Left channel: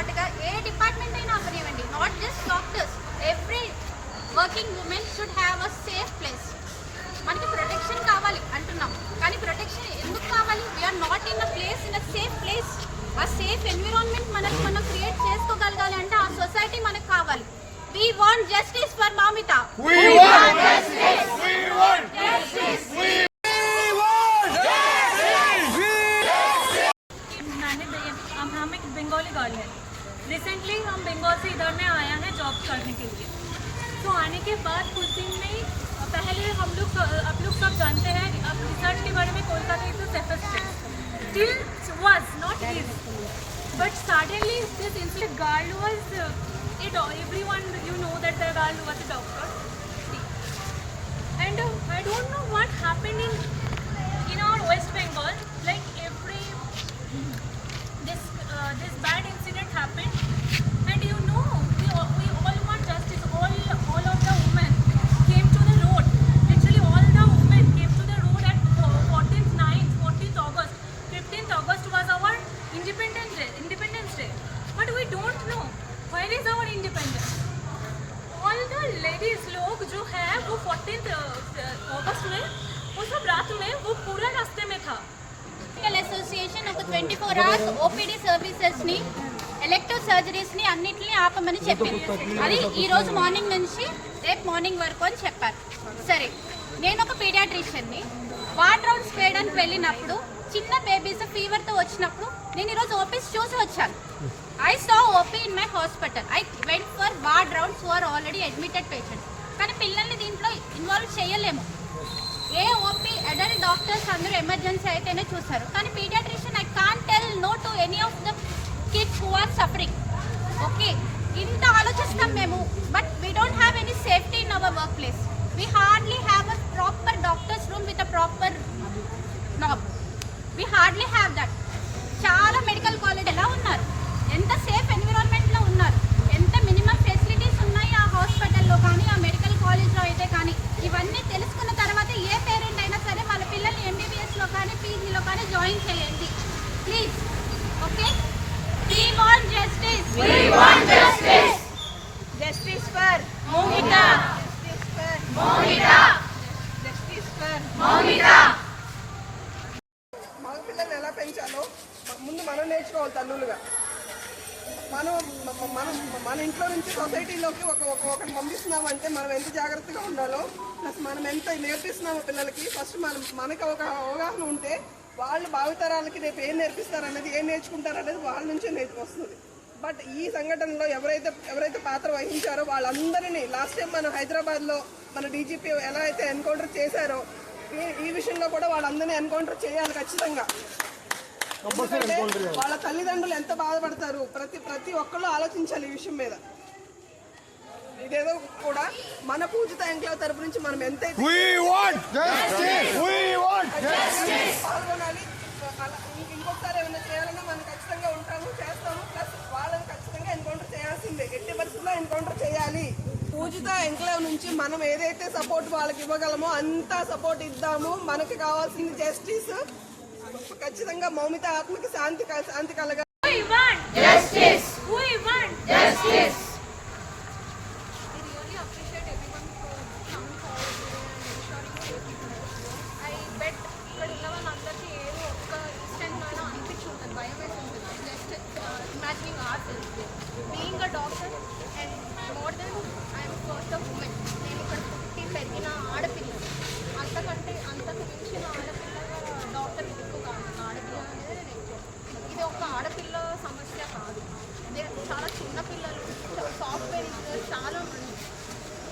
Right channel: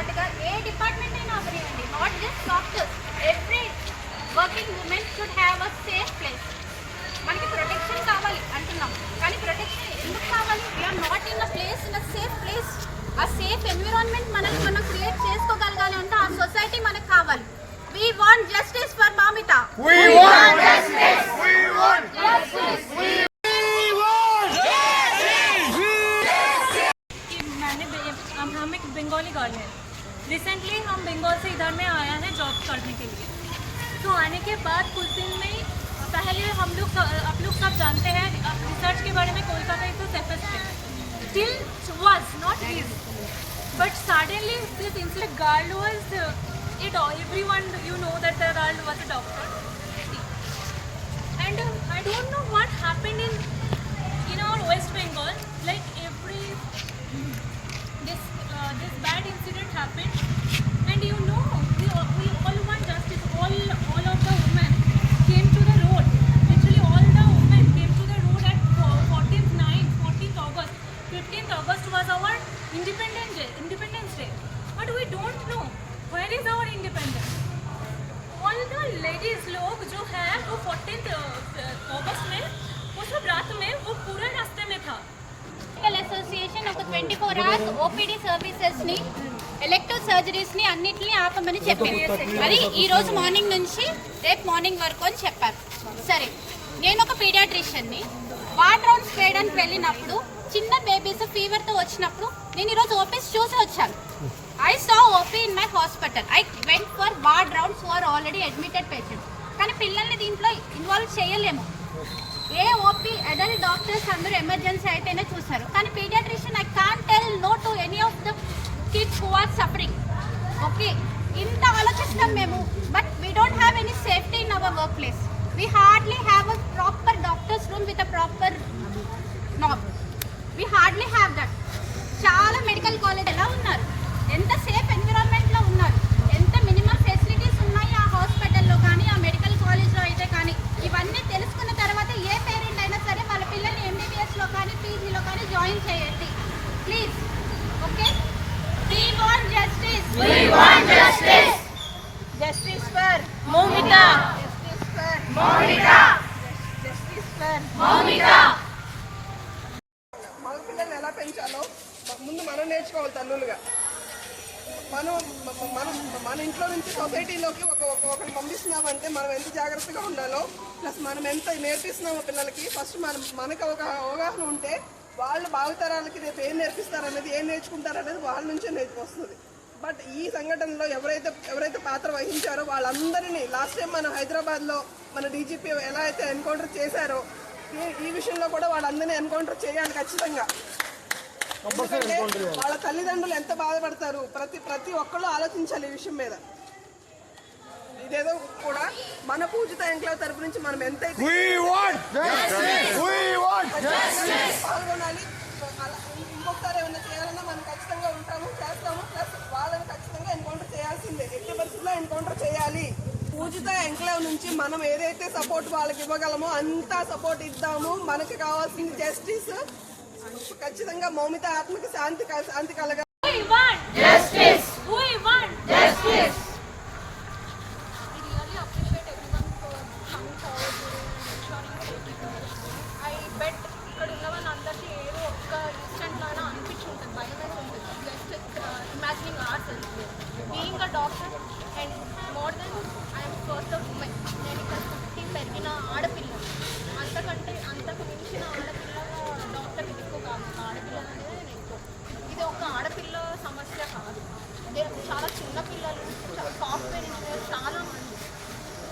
పాటుగా ఏ డిపార్ట్మెంట్ అయినా అవనివ్వండి, not just doctors, every working women should have a safe place. మనకి ప్రొటెక్షన్ కావాలి అంటున్నాం, కానీ ప్రొటెక్షన్ ఎందుకు కావాలి? We are not in a place, in a safe place. ఆ సేఫ్ ఎన్విరాన్మెంట్ మనం క్రియేట్ చేసుకోగలగాలి అంటే ఆ సొసైటీ మనకు కావాలి. We want justice for Mamita. We want justice. We want justice. हम एक बंगाली गर्ल है। रिसेंटली हम बंगाल से इधर में आया है जॉब करने के लिए। तो आने के बाद कुछ दिन में पहले हम लोग आप लोग सब जानते हैं रिसर्च के बारे में, Kolkata is the safest place till was not is, but suddenly this incident girl was it all, everyone you know that the girl was a doctor, and I don't know what happened in our West Bengal, like every this bad incident happened, and you know we all want justice. All of the women came to the road, literally all the women came to the road at 14th August. 15th August was our Independence Day, but we don't know where is our independence. All the ladies लोग जो है वो 14th अगस्त में वो सब रात में वो पूरा रास्ते में था. మెడికల్ అసోసియేషన్ ఒక 24 hours ఓపీడీ సర్వీసెస్ ని, ఎలెక్టివ్ సర్జరీస్ ని అన్నిటిని ఆపమని చెప్పింది. అది ఈ రోజు మార్నింగ్ నుంచి రేపు మార్నింగ్ వరకు అని చెప్పారు. సరే, నేను ఒక పీడియాట్రిషియన్ ని, వార్డ్ రౌండ్స్ చేయడానికి వెళ్ళినప్పుడు చిన్న బేబీస్ ఫీవర్ తో వచ్చినప్పుడు నేను ఈరోజు ఓపీస్ చూసి వచ్చాను. I saw OP in my hospital. I went for ward rounds who are already admitted patients. కానీ పిల్లల్ని దీంట్లో ఇన్వాల్వ్ చేయలేము. ఏ ఓపీ అడల్ట్ డాక్టర్స్ అందరూ ఎమర్జెన్సీ అయితేనే చూస్తారు, కానీ paediatrician I can't tell no to any of the kids who are suffering. Okay, ఇంత ఆలోచిస్తాం మేము, but we don't have any safety in our workplace. We hardly have a proper doctors room with a proper knob. We hardly have that. చాలా medical college ఎలా ఉన్నారు, ఎంత safe ఎన్విరాన్మెంట్లో ఉన్నారు, ఎంత minimum facilities ఉన్నాయి ఆ హాస్పిటల్లో కానీ ఆ మెడికల్ కాలేజ్లో అయితే కానీ. ఇవన్నీ తెలుసుకున్న తర్వాత ఏ పేరెంట్ అయినా సరే వాళ్ళ పిల్లల్ని ఎంబీబీఎస్లో కానీ పీజీలో కానీ జాయిన్ చేయండి please. Okay, we want justice. We want justice. Justice for Momita. Justice for Momita. Justice for Momita. మగ పిల్లల్ని ఎలా పెంచాలో ముందు మనం నేర్చుకోవాలి తల్లులుగా. మనం మన ఇంట్లో నుంచి సొసైటీలోకి ఒకటి పంపిస్తున్నామంటే మనం ఎంత జాగ్రత్తగా ఉండాలో, ప్లస్ మనం ఎంత నేర్పిస్తున్నామో పిల్లలకి ఫస్ట్ మనకు ఒక అవగాహన ఉంటే వాళ్ళు భావితరాలకి రేపు ఏం నేర్పిస్తారనేది, ఏం నేర్చుకుంటారనేది వాళ్ళ నుంచే నేర్చుకొస్తుంది. బట్ ఈ సంఘటనలో ఎవరైతే పాత్ర వహించారో వాళ్ళందరినీ లాస్ట్ టైం మన హైదరాబాద్లో మన డీజీపీ ఎలా అయితే ఎన్కౌంటర్ చేశారో ఈ విషయంలో కూడా వాళ్ళందరినీ ఎన్కౌంటర్ చేయాలి ఖచ్చితంగా. ఎందుకంటే వాళ్ళ తల్లిదండ్రులు ఎంత బాధపడతారు, ప్రతి ఒక్కళ్ళు ఆలోచించాలి ఈ విషయం మీద. ఇదేదో కూడా మన పూజిత ఎంక్లేవ్ తరపు నుంచి మనం ఎంతైతే పాల్గొనాలి, ఇంకొకసారి ఏమైనా చేయాలన్నా మనం ఖచ్చితంగా ఉంటాము, చేస్తాము. ప్లస్ వాళ్ళని ఖచ్చితంగా ఎన్కౌంటర్ చేయాల్సిందే, ఎట్టి పరిస్థితుల్లో ఎన్కౌంటర్ చేయాలి. పూజిత ఎంక్లేవ్ నుంచి మనం ఏదైతే సపోర్ట్ వాళ్ళకి ఇవ్వగలమో అంతా సపోర్ట్ ఇద్దాము. మనకి కావాల్సింది జస్టిస్. ఖచ్చితంగా మౌమిత ఆత్మకి శాంతి కలగాలి. We want justice. We want justice. I really appreciate everyone for coming forward and ensuring safety. I bet ఇక్కడ ఉన్న వాళ్ళందరికీ ఏదో ఒక్క ఇన్స్టెంట్లో అయినా అనిపించి ఉంటుంది, భయం అయితే ఉంటుంది. Just imagining our self being a doctor and more than I'm first of women. నేను ఇక్కడ పుట్టి పెరిగిన ఆడపిల్లలు, అంతకు మించిన ఆడపిల్లగా డాక్టర్ ఇది ఎక్కువ కాదు. ఆడపిల్ల అనేది నేను ఎక్కువ. ఇది ఒక ఆడపిల్ల సమస్య కాదు, అదే చాలా చిన్న పిల్లలు, సాఫ్ట్వేర్ ఇంజనీర్ చాలా మంది.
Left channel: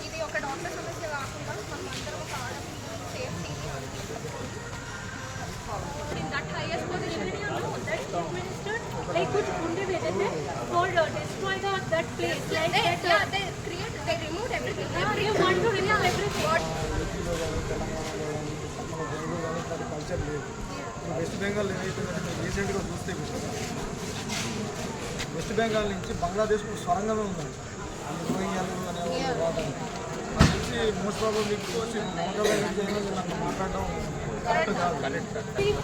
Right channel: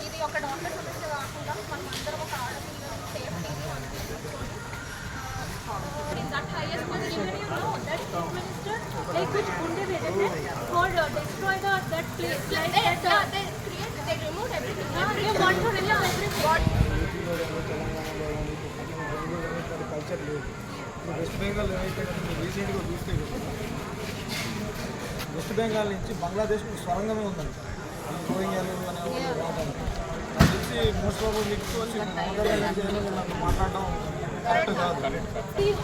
ఇది ఒక డాక్టర్ సమస్య కాకుండా మనం అందరం ఒక ఆడపిల్ల సేఫ్టీని అందించుకొని in that highest position, you know that Chief Minister they could only for destroy that place like that they removed everything. They want to remove everything. Culture లేదు. ఇప్పుడు వెస్ట్ బెంగాల్ ఏదైతే రీసెంట్గా చూస్తే వెస్ట్ బెంగాల్ నుంచి బంగ్లాదేశ్కు స్వరంగమే ఉందంట ఈ రోహింగ్యాలు అనే రావడానికి. అది చూసి మోస్ట్ ప్రాబబ్లీ మమతా బెనర్జీ అనేది నాకు మాట్లాడడం करेक्ट काదు.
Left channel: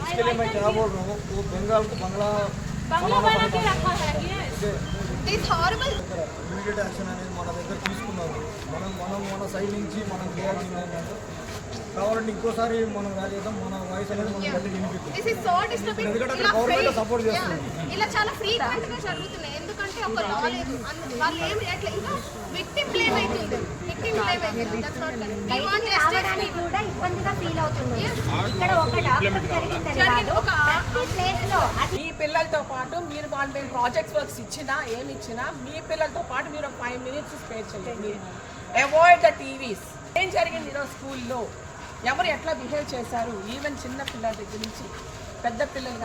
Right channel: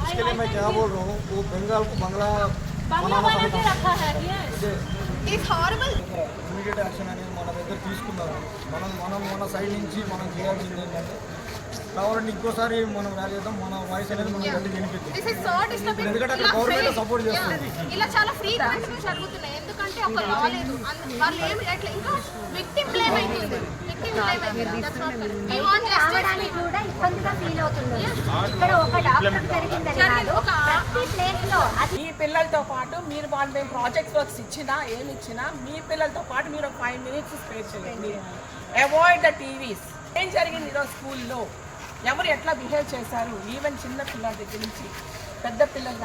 इसके लिए मैं क्या बोल रहा हूँ, वो बंगाल को बंगला बनाना समझता हूँ. It's horrible. ఇమీడియట్ యాక్షన్ అనేది మన దగ్గర తీసుకున్నారు. మన సైడ్ నుంచి మనం చేయాల్సింది ఏంటంటే కావాలంటే ఇంకోసారి మనం ర్యాలీ చేద్దాం, మన వాయిస్ అనేది మనం గట్టి వినిపిద్దాం. This is so disturbing. ఎందుకంటే అక్కడ గవర్నమెంట్ సపోర్ట్ చేస్తుంది. ఇలా చాలా ఫ్రీక్వెంట్ గా జరుగుతున్నాయి. ఎందుకంటే ఒక లా లేదు. వాళ్ళు ఏమి ఎట్లా ఇంకా విక్టిమ్ బ్లేమ్ అవుతుంది. That's not correct. We want justice. కూడా ఇబ్బందిగా ఫీల్ అవుతుంది. ఇక్కడ ఒక డాక్టర్ జరిగిందని కాదు, ప్రతి ప్లేస్ లో అది మీ పిల్లలతో పాటు మీరు వాళ్ళు మేము ప్రాజెక్ట్స్ వర్క్స్ ఇచ్చినా ఏమి ఇచ్చినా మీ పిల్లలతో పాటు మీరు 5 minutes స్పేర్ చేయండి. Avoid the TVs. ఏం జరిగింది ఈరోజు స్కూల్లో, ఎవరు ఎట్లా బిహేవ్ చేశారు, ఈవెన్ చిన్న పిల్లల దగ్గర నుంచి పెద్ద పిల్లలు